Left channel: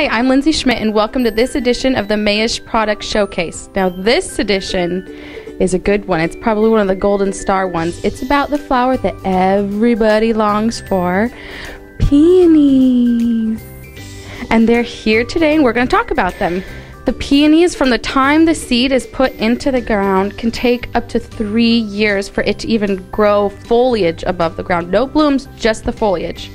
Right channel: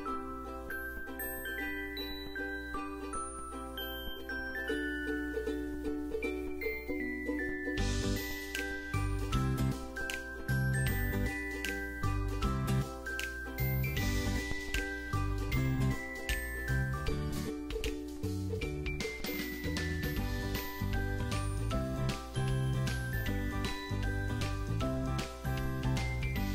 Hi, I'm Lindsay Schmidt and welcome to this edition of the Mayesh Product Showcase. Now this edition is a good one. It's probably one of the golden star ones. It's about the flower that everybody longs for, peonies. And they're here today and we're going to talk about them. The peonies, from the time the seed is put into the ground, can take up to 3 years for it to even grow foliage above the ground. No blooms, just the foliage.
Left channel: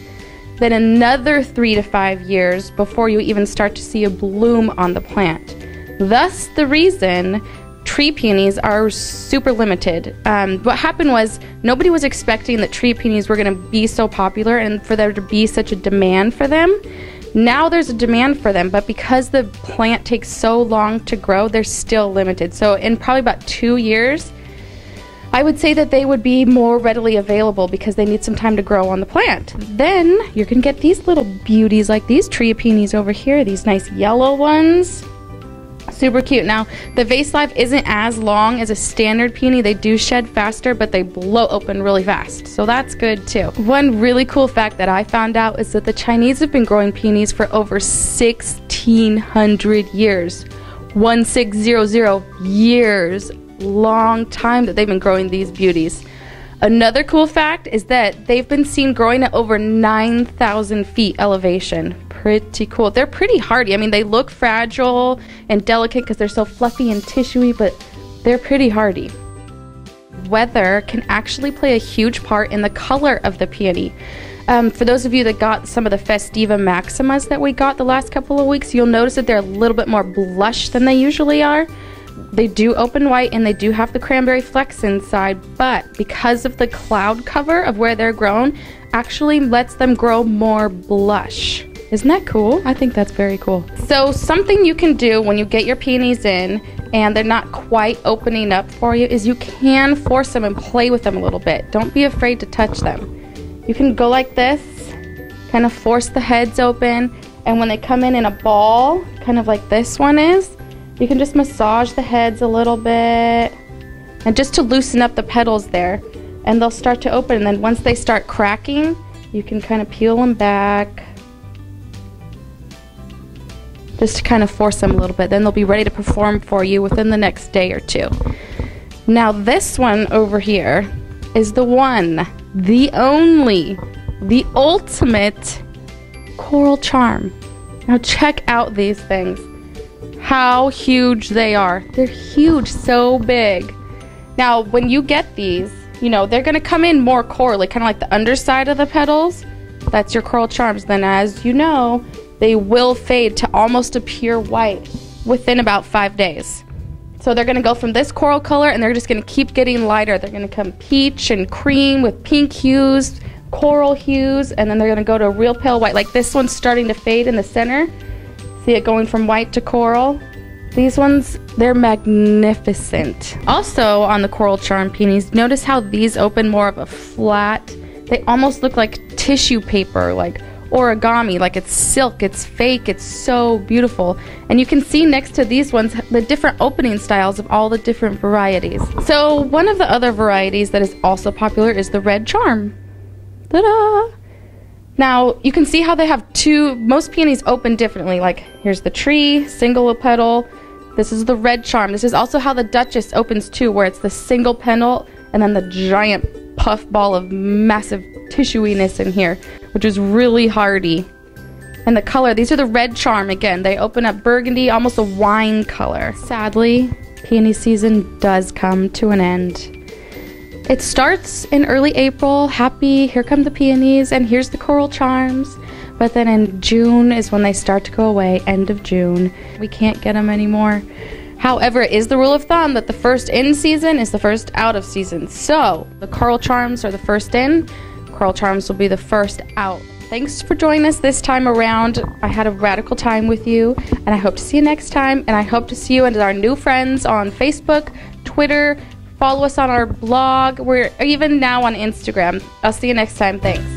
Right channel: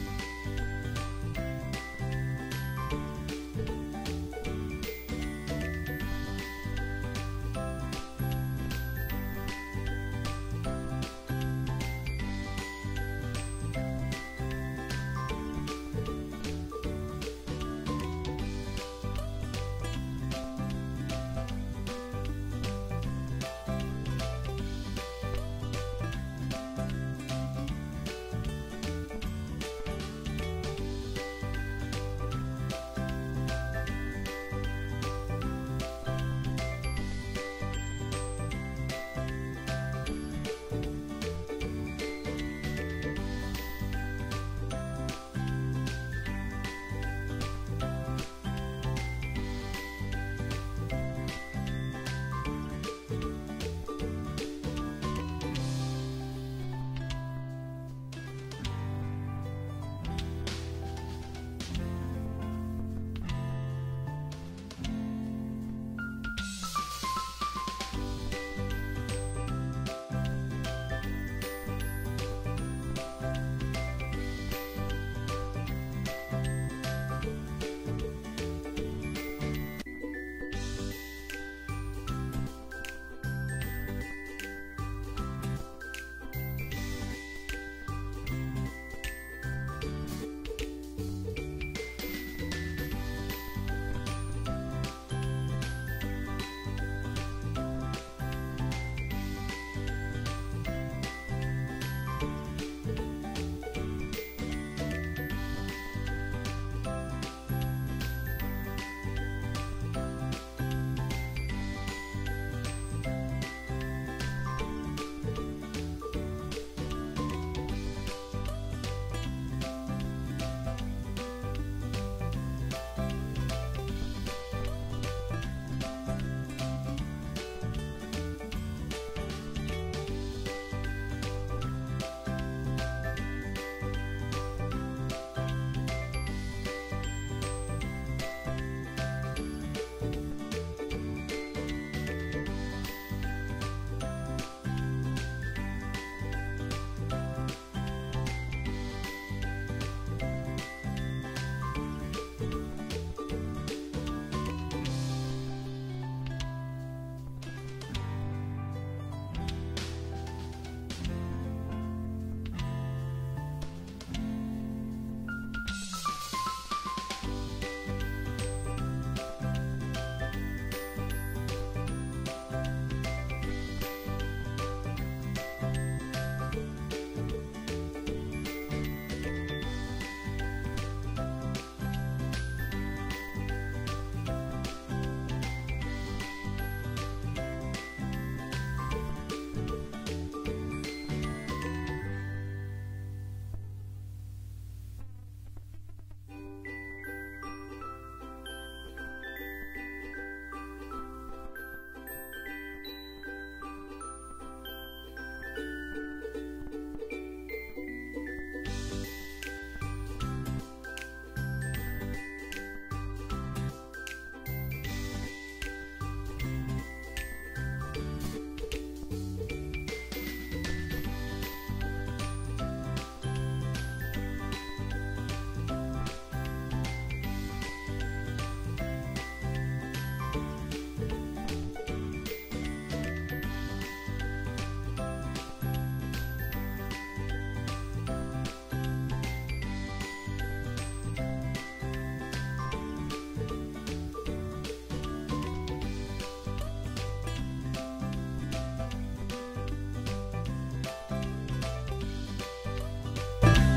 Then another 3 to 5 years before you even start to see a bloom on the plant. Thus the reason tree peonies are super limited. What happened was nobody was expecting that tree peonies were going to be so popular and for there to be such a demand for them. Now there's a demand for them, but because the plant takes so long to grow, they're still limited. So in probably about 2 years, I would say that they would be more readily available because they need some time to grow on the plant. Then you can get these little beauties like these tree peonies over here, these nice yellow ones. Super cute. Now, the vase life isn't as long as a standard peony. They do shed faster, but they blow open really fast. So that's good too. One really cool fact that I found out is that the Chinese have been growing peonies for over 1,600 years. 1600 years. Long time that they've been growing these beauties. Another cool fact is that they've been seen growing at over 9,000 feet elevation. Pretty cool. They're pretty hardy. I mean, they look fragile and delicate because they're so fluffy and tissuey, but they're pretty hardy. Weather can actually play a huge part in the color of the peony. For those of you that got some of the Festiva Maximas that we got the last couple of weeks, you'll notice that they're a little bit more blush than they usually are. They do open white and they do have the cranberry flecks inside, but because of the cloud cover of where they're grown, actually lets them grow more blush. Isn't that cool? I think that's very cool. So something you can do when you get your peonies in and they're not quite opening up for you is you can force them and play with them a little bit. Don't be afraid to touch them. You can go like this, kind of force the heads open, and when they come in a ball, kind of like this one is, you can just massage the heads a little bit and just to loosen up the petals there, and they'll start to open. And then once they start cracking, you can kind of peel them back just to kind of force them a little bit. Then they'll be ready to perform for you within the next day or two. Now this one over here is the one, the only, the ultimate coral charm. Now check out these things. How huge they are. They're huge, so big. Now, when you get these, you know, they're gonna come in more corally, kind of like the underside of the petals. That's your coral charms. Then as you know, they will fade to almost a pure white within about 5 days. So they're gonna go from this coral color and they're just gonna keep getting lighter. They're gonna come peach and cream with pink hues, coral hues, and then they're gonna go to a real pale white. Like this one's starting to fade in the center. See it going from white to coral? These ones, they're magnificent. Also on the coral charm peonies, notice how these open more of a flat, they almost look like tissue paper, like origami, like it's silk, it's fake, it's so beautiful. And you can see next to these ones, the different opening styles of all the different varieties. So one of the other varieties that is also popular is the red charm. Ta-da! Now, you can see how they have most peonies open differently. Like, here's the tree, single petal. This is the red charm. This is also how the Duchess opens too, where it's the single petal and then the giant puff ball of massive tissuiness in here, which is really hardy. And the color, these are the red charm again. They open up burgundy, almost a wine color. Sadly, peony season does come to an end. It starts in early April, happy, here come the peonies, and here's the coral charms. But then in June is when they start to go away, end of June. We can't get them anymore. However, it is the rule of thumb that the first in season is the first out of season. So the coral charms are the first in, coral charms will be the first out. Thanks for joining us this time around. I had a radical time with you, and I hope to see you next time, and I hope to see you and our new friends on Facebook, Twitter. Follow us on our blog. We're even now on Instagram. I'll see you next time. Thanks.